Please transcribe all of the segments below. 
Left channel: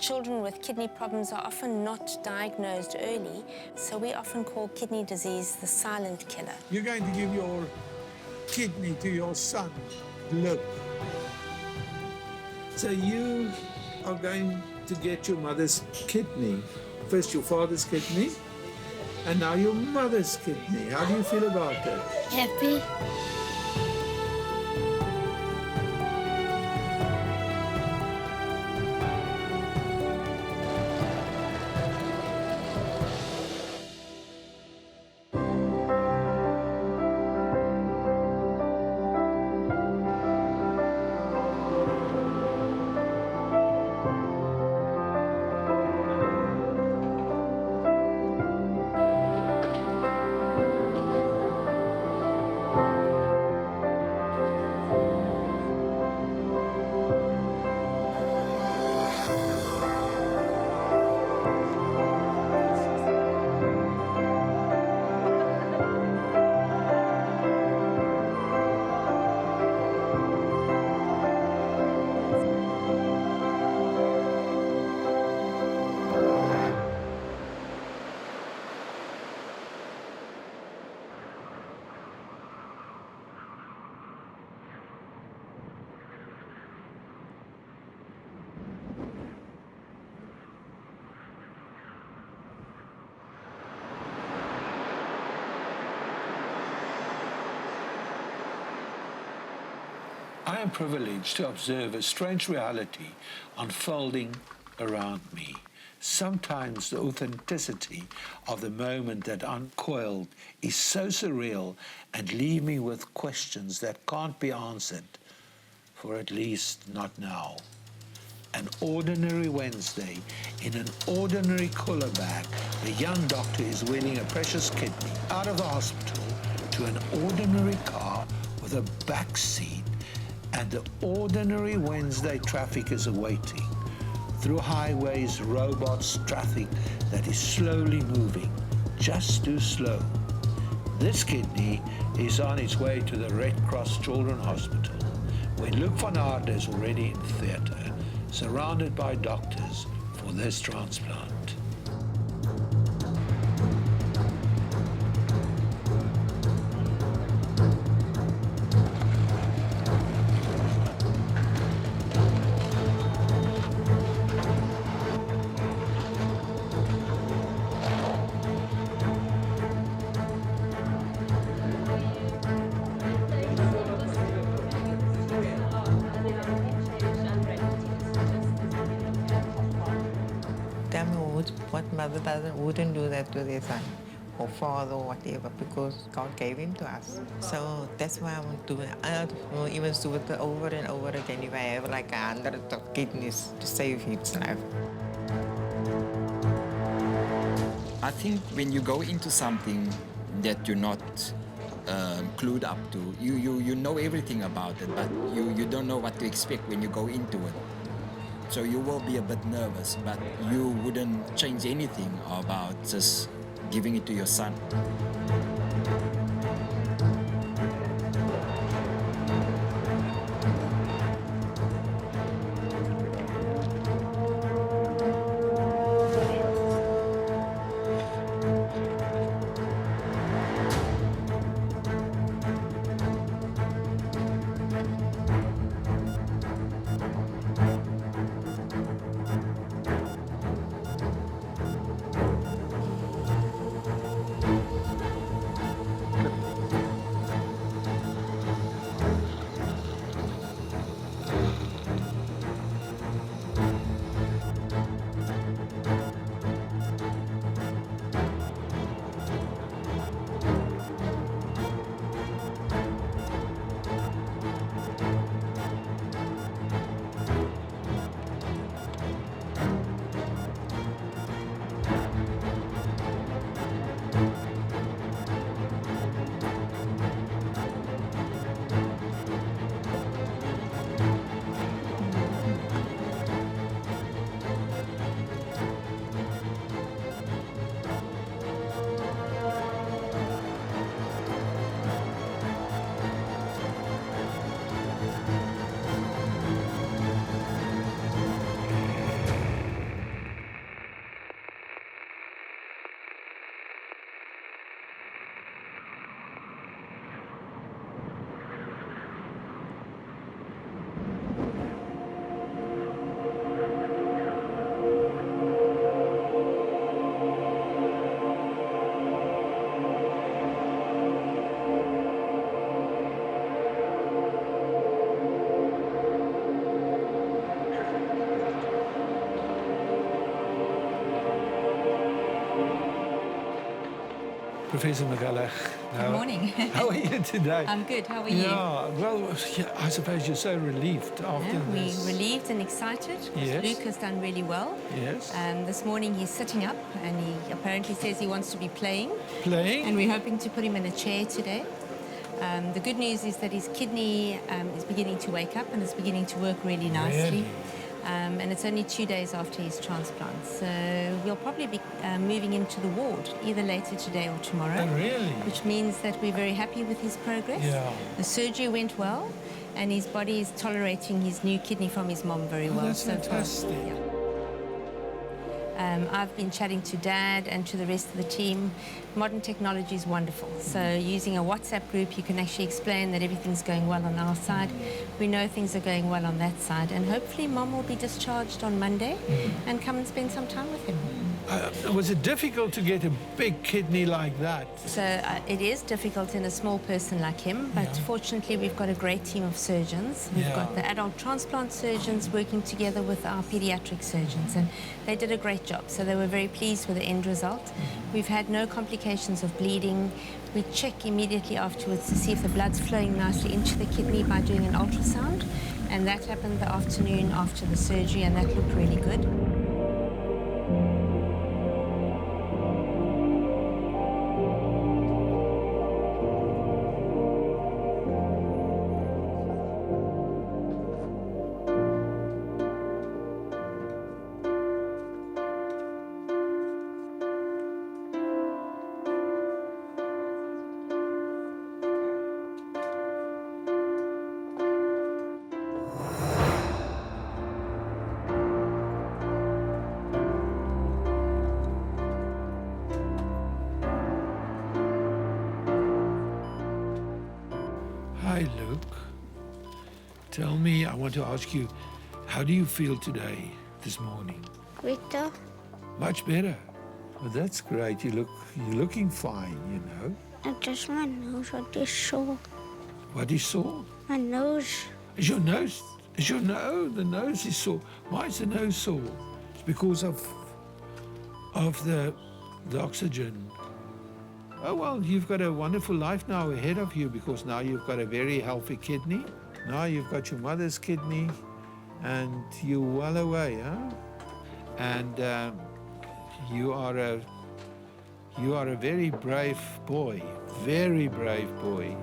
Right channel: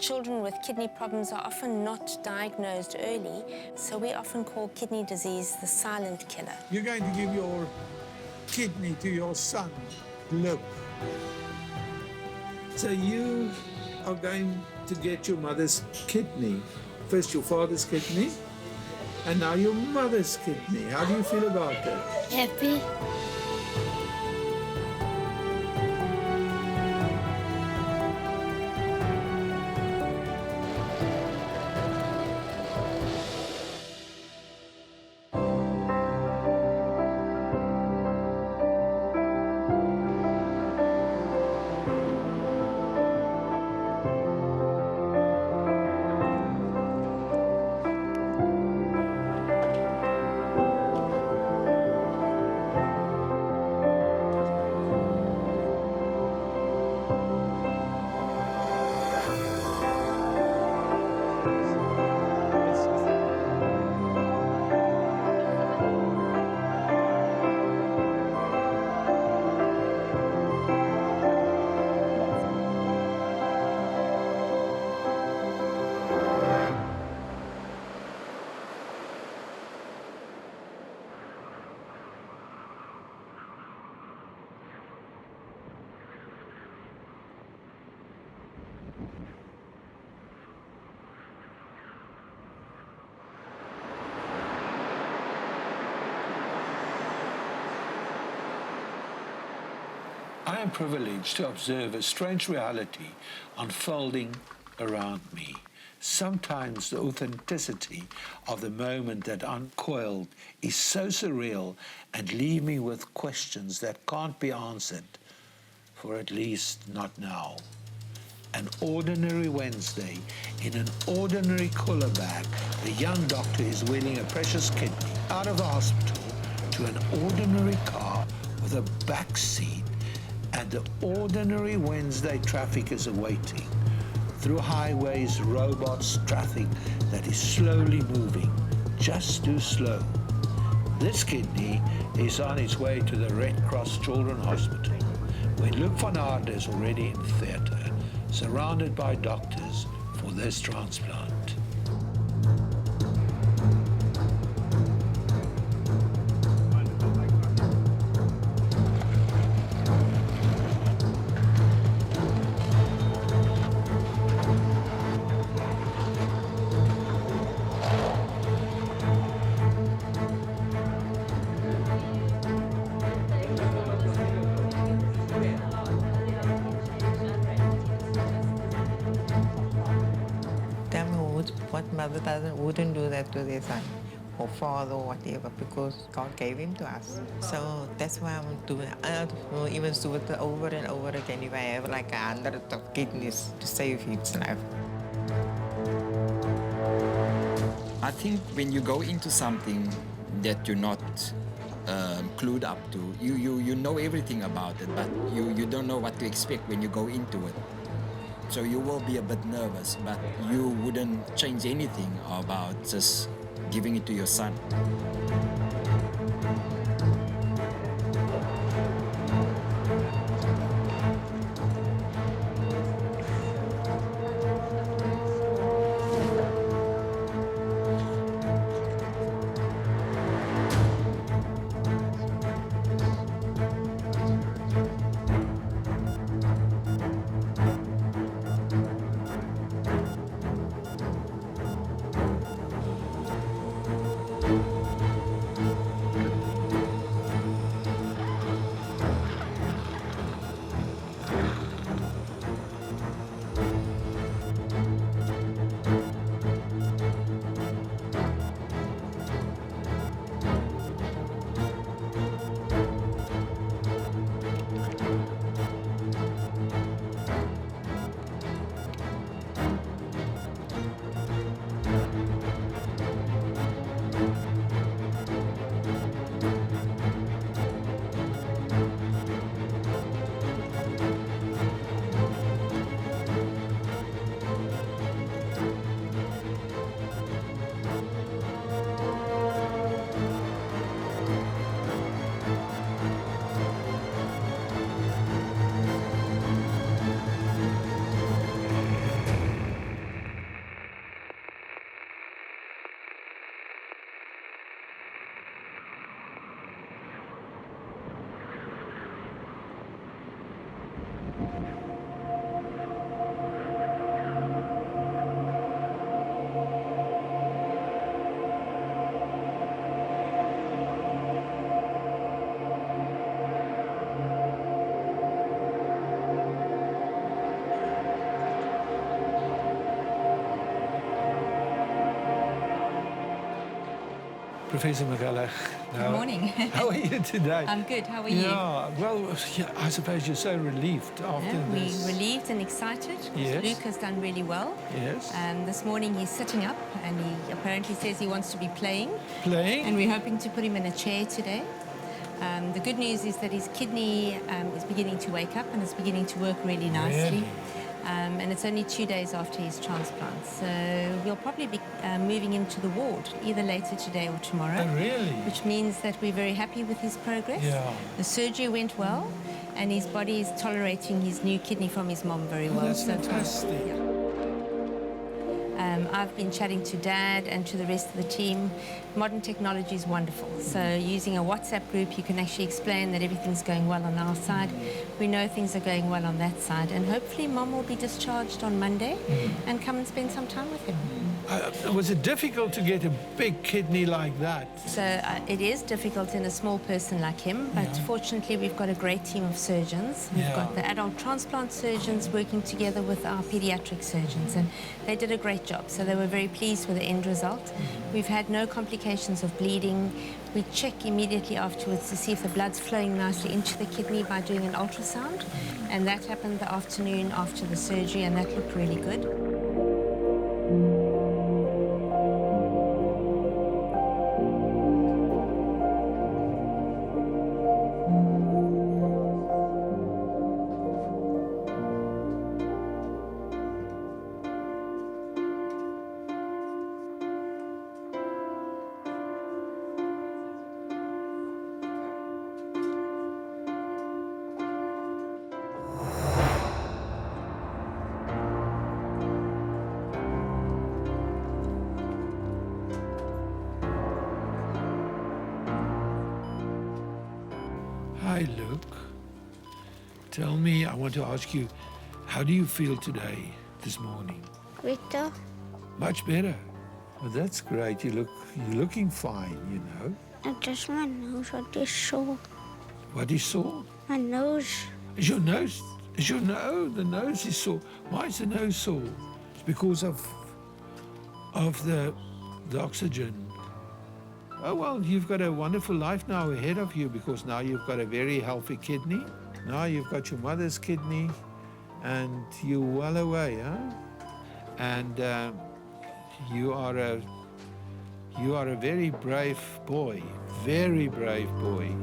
children with kidney problems are often not diagnosed early, so we often call kidney disease the silent killer. You're going to give your kidney to your son, Luke. So you are going to get your mother's kidney. First your father's kidney, and now your mother's kidney. How do you feel about that? Happy. I am privileged to observe a strange reality unfolding around me. Sometimes the authenticity of the moment that uncoiled is so surreal and leave me with questions that can't be answered, for at least not now. An ordinary Wednesday, in an ordinary cooler bag, the young doctor is wheeling a precious kidney out of the hospital to an ordinary car with a back seat, and the ordinary Wednesday traffic is awaiting. Through highways, robots, traffic that is slowly moving, just too slow. This kidney is on its way to the Red Cross Children's Hospital, when Luke van Aarde is already in theatre, surrounded by doctors for this transplant. Tell me what mother wouldn't do that to their son or father or whatever, because God gave him to us. So that's why I want to do it. I will even do it over and over again if I have like 100 kidneys to save his life. I think when you go into something that you're not clued up to, you know everything about it, but you don't know what to expect when you go into it. So you will be a bit nervous, but you wouldn't change anything about just giving it to your son. Professor McCulloch. Good morning. How are you today? I'm good. How are you? Yeah, well, I suppose you're so relieved after We're this. relieved and excited. Yes. Luke has done really well. Yes. This morning he's sitting up and he apparently says he wants to be playing. Playing? And we're hoping to put him in a chair today. The good news is that his kidney is beginning to wake up and it's beginning to work really nicely. Really? And it's only 2 days after his transplant. So we'll probably be moving him to the ward either later today or tomorrow. Oh, really? Which means that we're very happy with his progress. Yeah. The surgery went well and his body is tolerating his new kidney from his mom very well That's so fantastic. far. Yeah. I've been chatting to Dad and to the rest of the team. Modern technology is wonderful. So using a WhatsApp group, you can actually explain that everything's going well on our side. We know things are going well on that side. And hopefully Mom will be discharged on Monday and come and spend some time with him. Was it difficult to get a big kidney like that? So it is difficult in a small person like him, but fortunately we've got a great team of surgeons. We've got the adult transplant surgeons working together with our pediatric surgeons, and they did a great job. So they were very pleased with the end result. We've had no complications of bleeding. We check immediately afterwards to see if the blood's flowing nicely into the kidney by doing an ultrasound, and that happened the afternoon after the surgery, and that looked really good. Hi, Luke. Tell me, I want to ask you, how do you feel today, this morning? Better. Much better. Well, that's great. You're looking fine, you know. And just my nose, what is sore. What is sore? My nose. Is your nose? The nose is sore. Why is the nose sore? It's because of the oxygen. Oh, well, you've got a wonderful life now ahead of you because now you've got a very healthy kidney. Now you've got your mother's kidney and you're well away, huh? And you are a very brave boy, very brave boy.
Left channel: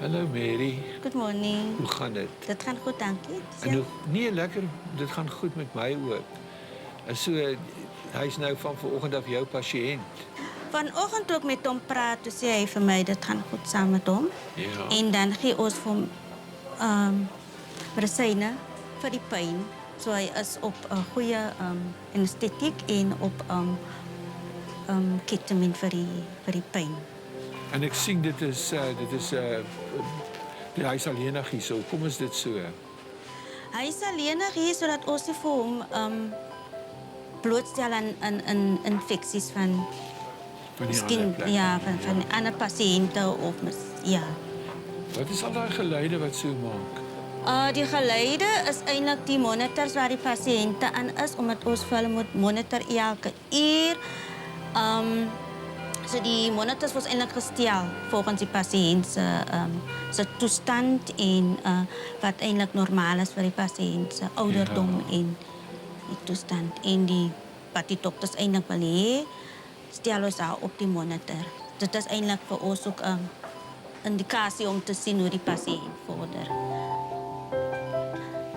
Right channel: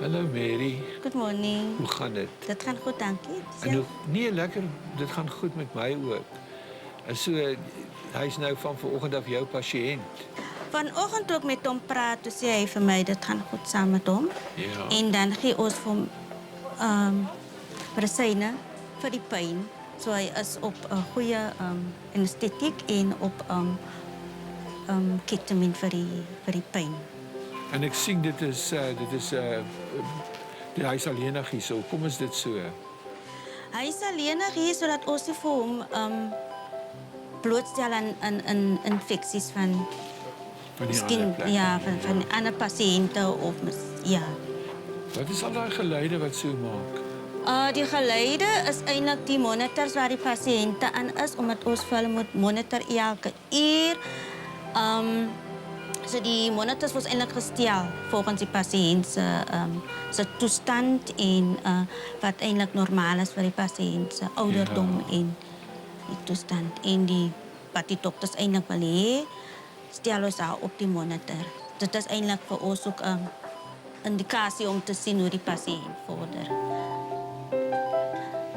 Hallo Mary, Good morning. hoe gaan dit? Dit gaan goed, dankie. En hoe, nee, lekker, dit gaan goed met my ook. En so, hy's nou van vanoggend af jou pasiënt. Vanoggend toe ek met hom praat, toe sê hy vir my dit gaan goed saam met hom. Ja. En dan gee ons vir hom medisyne vir die pyn. So hy is op 'n goeie anestetiek en op ketamine vir die pyn. En ek sien dit is hy's alleenig hier so. Kom is dit so? Hy is alleenig hier sodat ons nie vir hom blootstel aan infeksies van Van die miskien ander plek. ja, van ander pasiënte of ja. Wat is al daai geluide wat so maak? Die geluide is eintlik die monitors waar die pasiënte aan is omdat ons vir hulle moet monitor elke uur. So die monitors was eintlik gestel volgens die pasiënt se toestand en wat eintlik normaal is vir die pasiënt se ouderdom en die toestand en wat die dokters eintlik wil hê, stel ons daar op die monitor. Dit is eintlik vir ons ook 'n indikasie om te sien hoe die pasiënt vorder.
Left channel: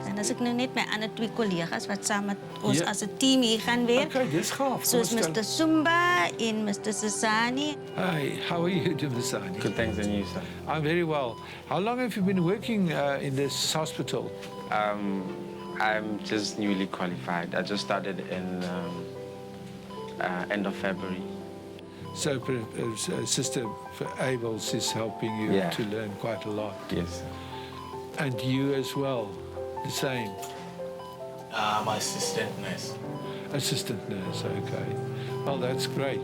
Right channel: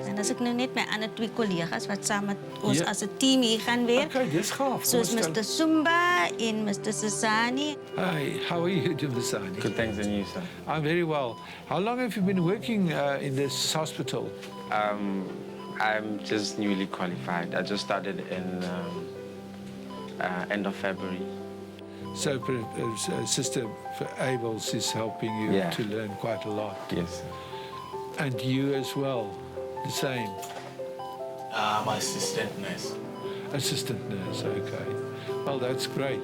En as ek nou net my ander 2 kollegas wat saam met ons as 'n team hier gaan werk. Okay, dis gaaf. Soos Mr. Sumba en Mr. Sasani. Hi, how are you, Sasani? Good, thanks, and you, sir? I'm very well. How long have you been working in this hospital? I'm just newly qualified. I just started in end of February. So Sister Abels is helping you to learn quite a lot. Yes. And you as well, the same? My assistant nurse. Assistant nurse, okay. Well, that's great.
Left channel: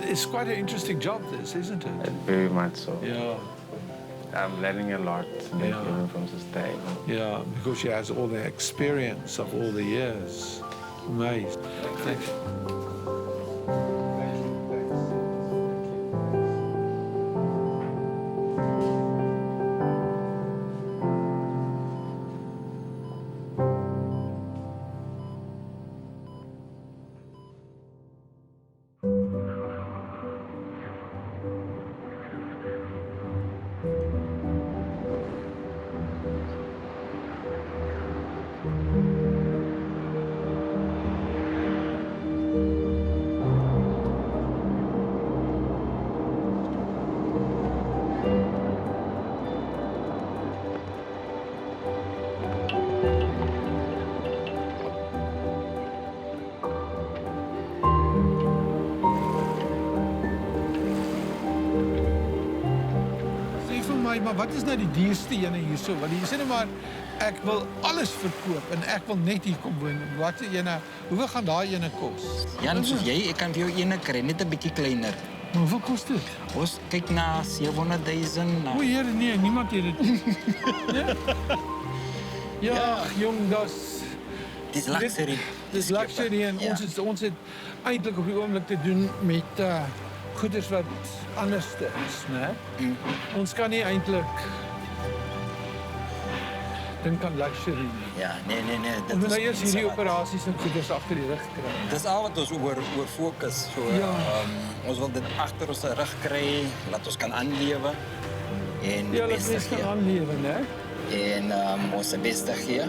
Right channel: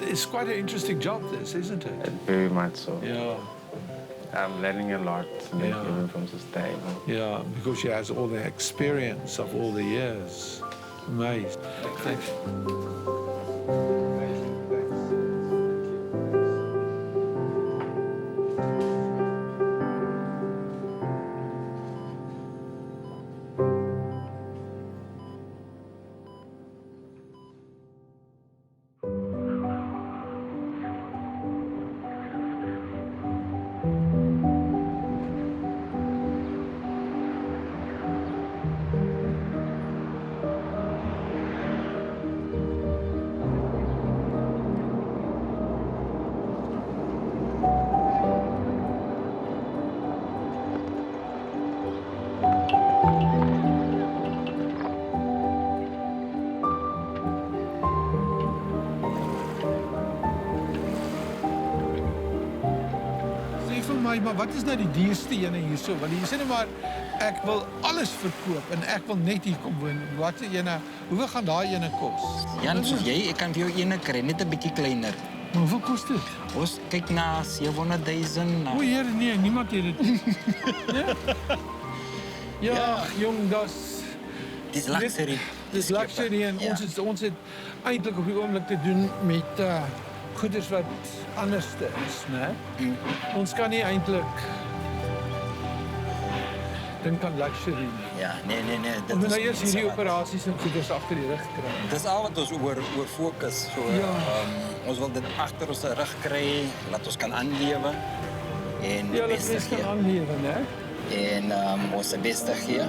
It's quite an interesting job, this, isn't it? Very much so. Yeah. I'm learning a lot even from Sister Abel. Yeah, because she has all the experience of all the years. Amazing. Thanks. Maar wat is nou die duurste ene hierso? Want jy sê net maar ek wil alles verkoop en ek wil net hier kom woon. Wat is ene? Hoeveel gaan daai ene kos? Jan, soos jy, ek kan vir jou ene kry, net 'n bietjie kleiner. Maar hoeveel kos dit? Ons kyk na 700,000. O, Heer, nee, niemand het dit. Nee? Ja, jong, Dis luxury. Dis luxury en ons het eintlik op die oomblik te doen met goeders wat anders is, né? Ons kan nie eintlik dink aan luxury nie. Ja, nee. Ons moet nou eers hierdie operasies en goeders agter die rug kry. Dis al wat ons oor fokus. So, ons wil dit agter ons rug kry, laat ons kan aanlewe en die beste gee. Ja, kan aanlewe, né? En ons se beste gee.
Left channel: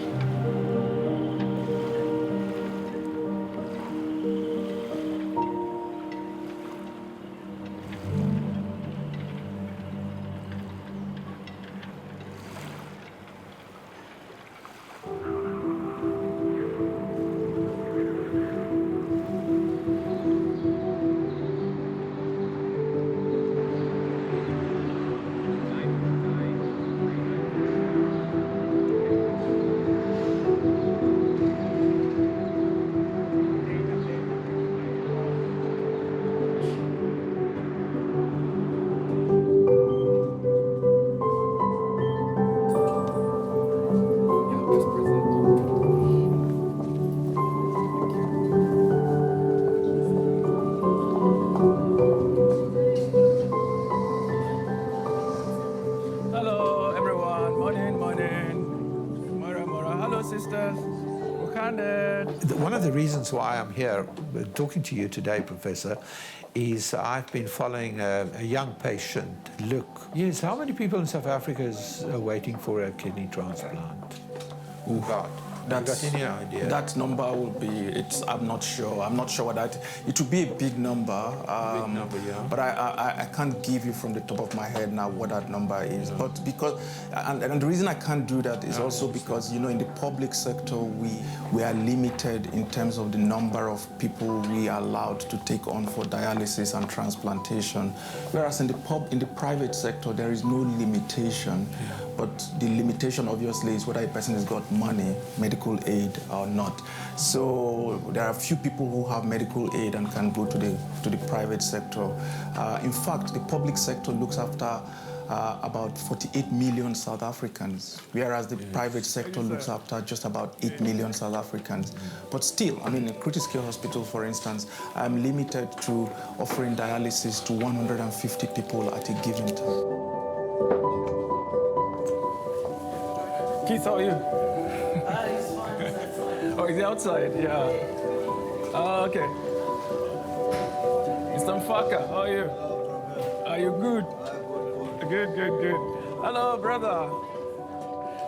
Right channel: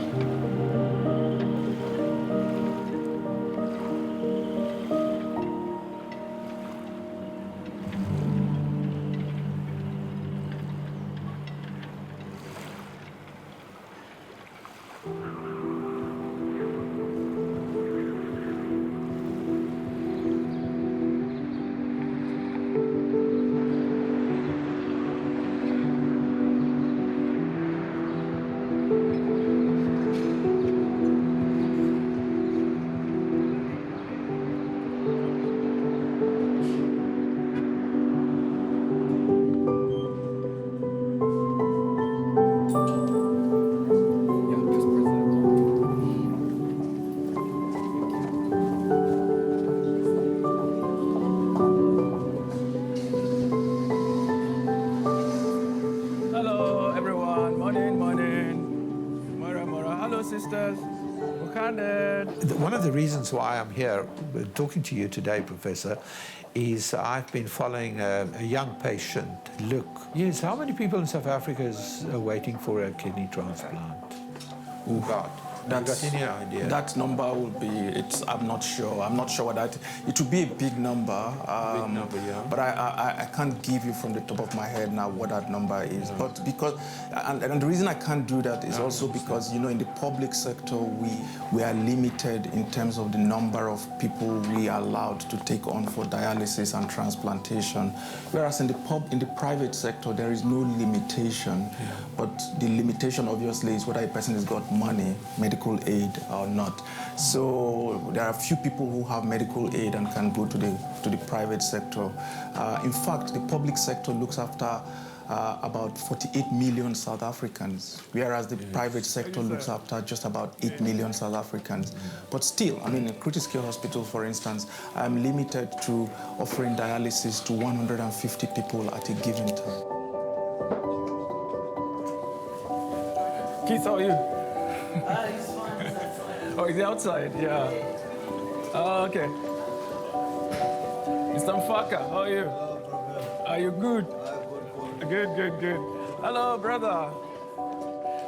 Sisters. One of the reasons why I'm here talking to you today, Professor, is I've been following a young patient, Luke. Yes, how many people in South Africa is waiting for a kidney transplant? Oh, God. Have you got any idea? That number will be, I'm not sure. I'm not sure what that, it will be a big number. Big number, yeah. But I can't give you from the top of my head now what that number is. No. But because, and the reason I can't do that is also because, you know, in the public sector, we are limited in terms of the number of people we are allowed to take on for dialysis and transplantation. Whereas in the private sector, there is no limitation. Yeah. But the limitation, obviously, is whether a person has got money, medical aid or not. So there are a few people who have medical aid and can go to the private sector. In fact, the public sector looks after about 48 million South Africans, whereas the private sector looks after just about 8 million South Africans. But still, I mean, in critical hospital, for instance, I'm limited to offering dialysis to 150 people at a given time. Keith, how are you? He's fine. Oh, he's outside, yeah. Oh, okay. Mr. Mfaka, how are you? Are you good? Good. Hello, brother.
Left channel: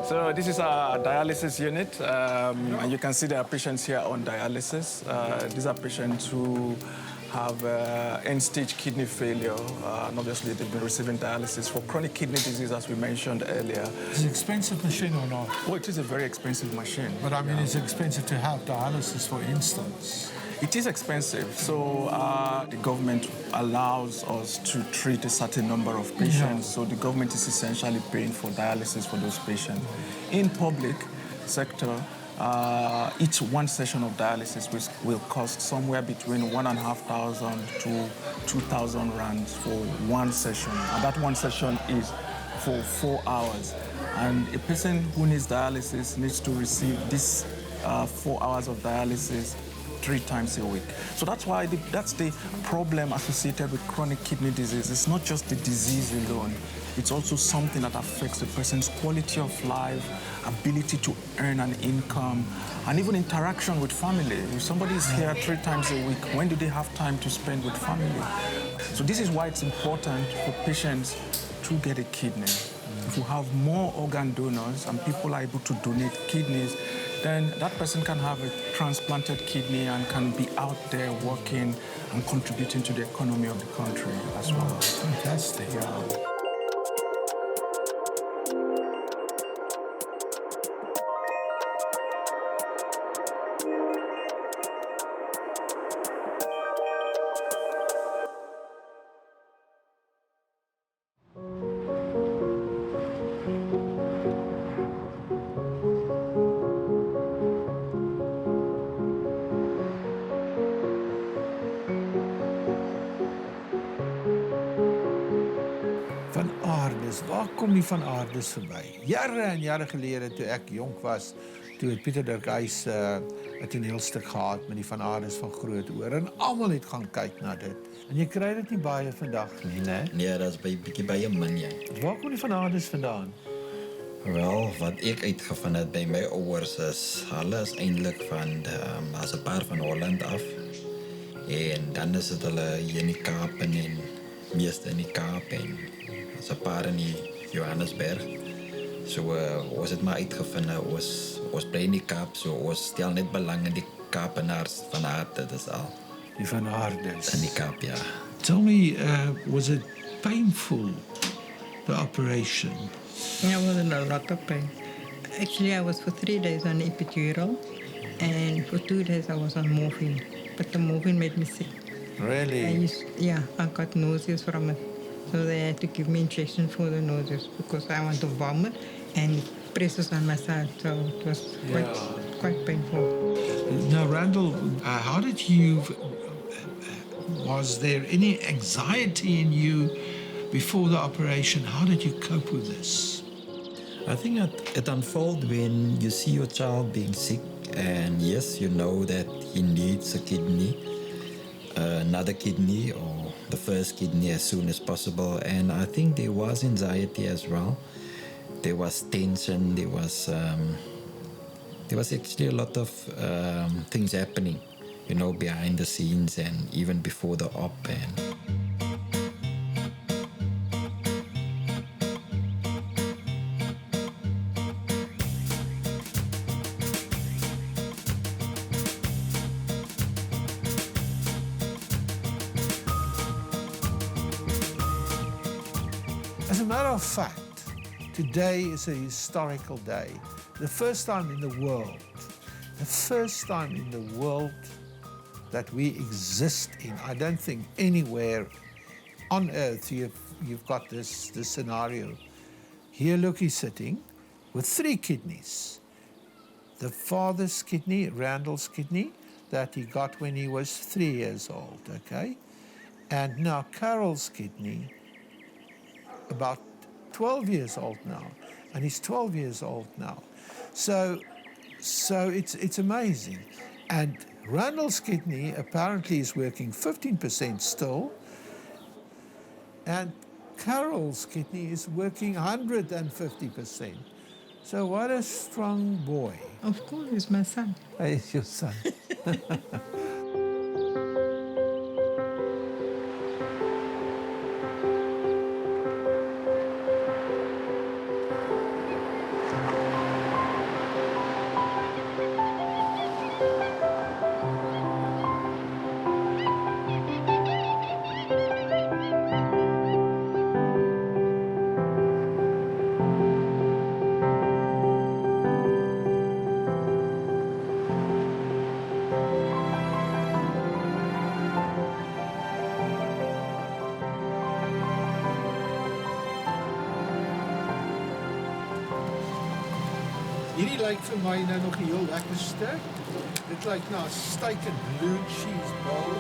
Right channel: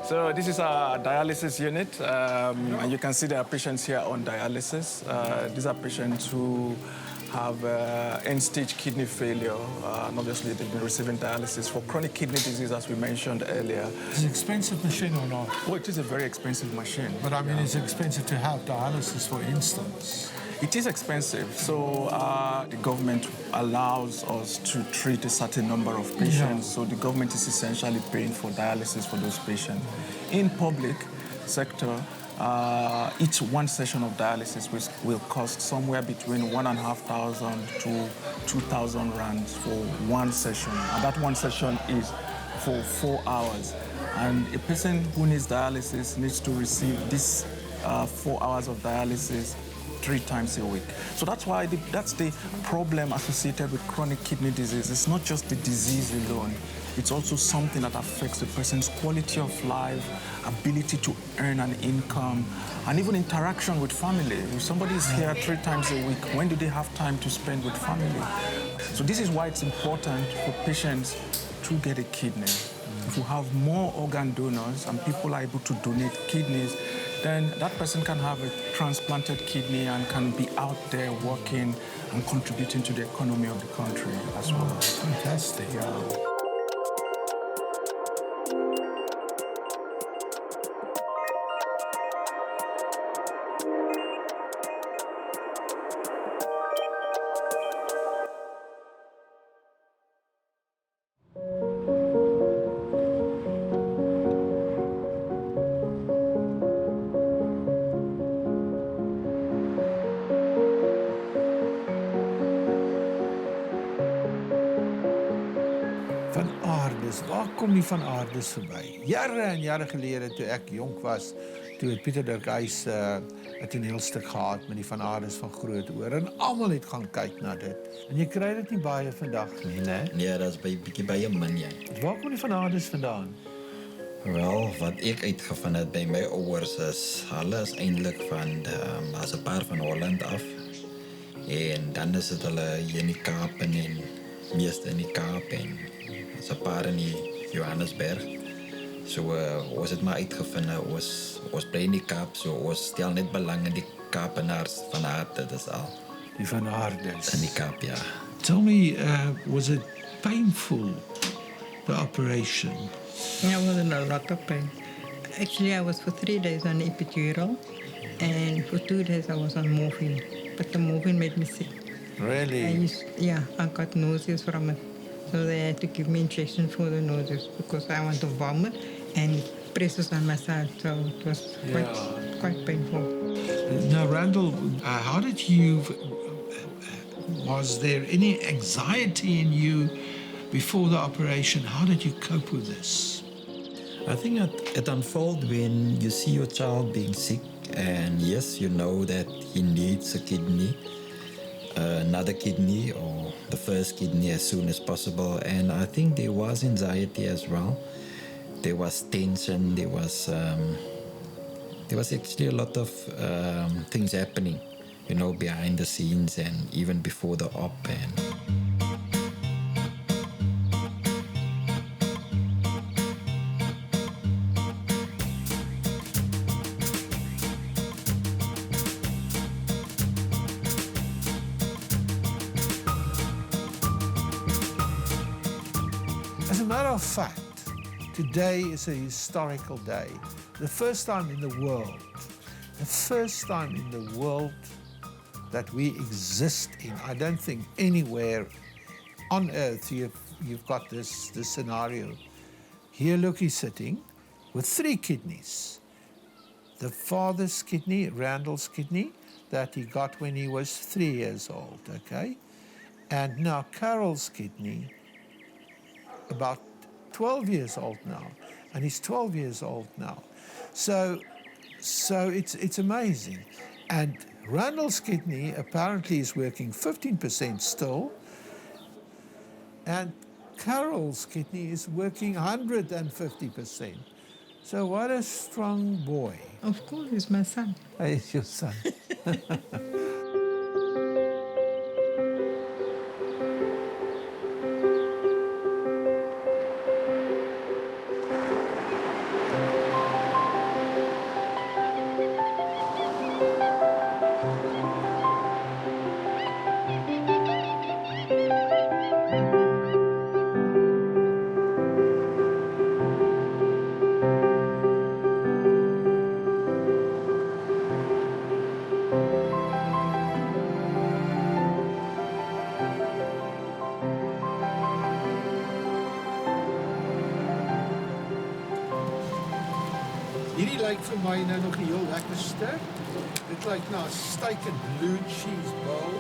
So this is our dialysis unit. And you can see there are patients here on dialysis. These are patients who have end-stage kidney failure. And obviously, they've been receiving dialysis for chronic kidney disease, as we mentioned earlier. It's an expensive machine or not? Oh, it is a very expensive machine. But I mean, it's expensive to have dialysis, for instance. It is expensive, so the government allows us to treat a certain number of patients, so the government is essentially paying for dialysis for those patients. In public sector, each one session of dialysis will cost somewhere between 1,500 to 2,000 rands for one session, and that one session is for 4 hours. And a person who needs dialysis needs to receive this 4 hours of dialysis 3 times a week. So that's why that's the problem associated with chronic kidney disease. It's not just the disease alone. It's also something that affects the person's quality of life, ability to earn an income, and even interaction with family. If somebody is here 3 times a week, when do they have time to spend with family? So this is why it's important for patients to get a kidney. If you have more organ donors and people are able to donate kidneys, then that person can have a transplanted kidney and can be out there working and contributing to the economy of the country as well. Fantastic. Yeah. Van Aardes, waar kom die Van Aardes verby? Jare en jare gelede toe ek jonk was, toe het Pieter Dirkhuis 'n toneelstuk gehad met die Van Aardes van Grootoor en almal het gaan kyk na dit. En jy kry dit nie baie vandag nie, né? Nee, dat is bietjie baie min, ja. Waar kom die Van Aardes vandaan? Wel, wat ek uitgevind het by my ouers is, hulle is eintlik van, as 'n paar van Holland af. En dan is dit hulle hier in die Kaap en meeste in die Kaap en as 'n paar in die Johannesburg. So ons het maar uitgevind, ons bly in die Kaap, so ons stel net belang in die Kaapenaars van Aarde, dis al. Die Van Aardes. In die Kaap, ja. Tell me, was it painful, the operation? I was in a lot of pain. Actually, I was for 3 days on epidural, and for 2 days I was on morphine. But the morphine made me sick. Really? I got nauseous from it. So they had to give me injection for the nauseous because I want to vomit and it presses on my side. So it was quite painful. Now, Randal, how did you... was there any anxiety in you before the operation? How did you cope with this? I think it unfolds when you see your child being sick and yes, you know that he needs a kidney, another kidney or the first kidney as soon as possible. And I think there was anxiety as well. There was tension. There was actually a lot of things happening, you know, behind the scenes and even before the op. As a matter of fact, today is a historical day. The first time in the world that we exist in. I don't think anywhere on earth you've got this scenario. Here, look, he's sitting with 3 kidneys. The father's kidney, Randal's kidney, that he got when he was 3 years old, okay? And now Carol's kidney, about 12 years old now, and he's 12 years old now. So it's amazing. And Randal's kidney apparently is working 15% still, and Carol's kidney is working 150%. So what a strong boy. Of course, he's my son. He's your son. Hierdie lyk vir my nou nog nie heel lekker sterk. Dit lyk na 'n steak and blue cheese bowl.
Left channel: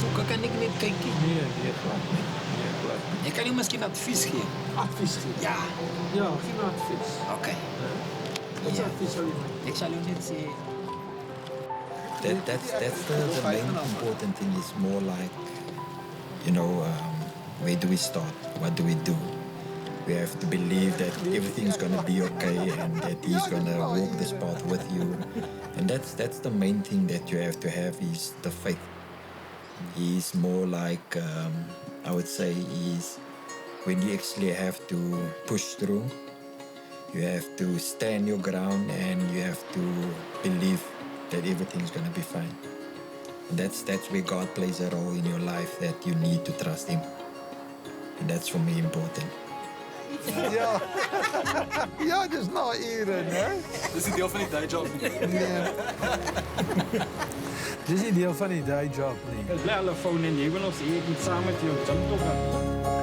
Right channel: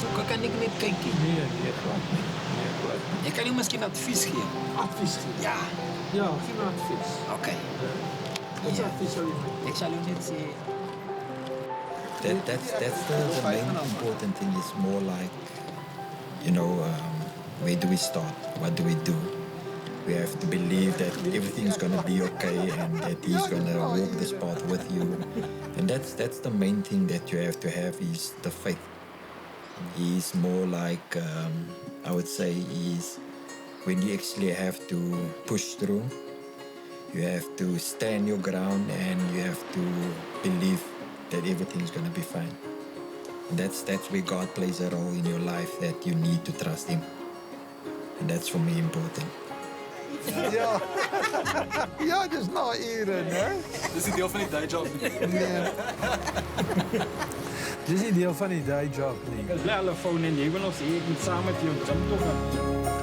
So kan ik niet kijken. Nee, glad nie. Nee, glad nie. Je kan je misschien advies geven. Advies gee. Ja. Ja, gee my advies. Oké. Wat Ja. advies sal jy my? Ik zal u niet zeggen. That's the main important thing. Is more like, where do we start? What do we do? We have to believe that everything's going to be okay and that he's going to walk this path with you. And that's the main thing that you have to have is the faith. He's more like, I would say, when you actually have to push through, you have to stand your ground and you have to believe that everything's going to be fine. And that's where God plays a role in your life, that you need to trust Him. And that's for me important. Ja. Ja, dis na ure, né? Dis die deel van die day job nie. Nee. Dis nie deel van die day job nie. Ek bly hulle phone en jy wil ons hier saam met jou gym toe gaan.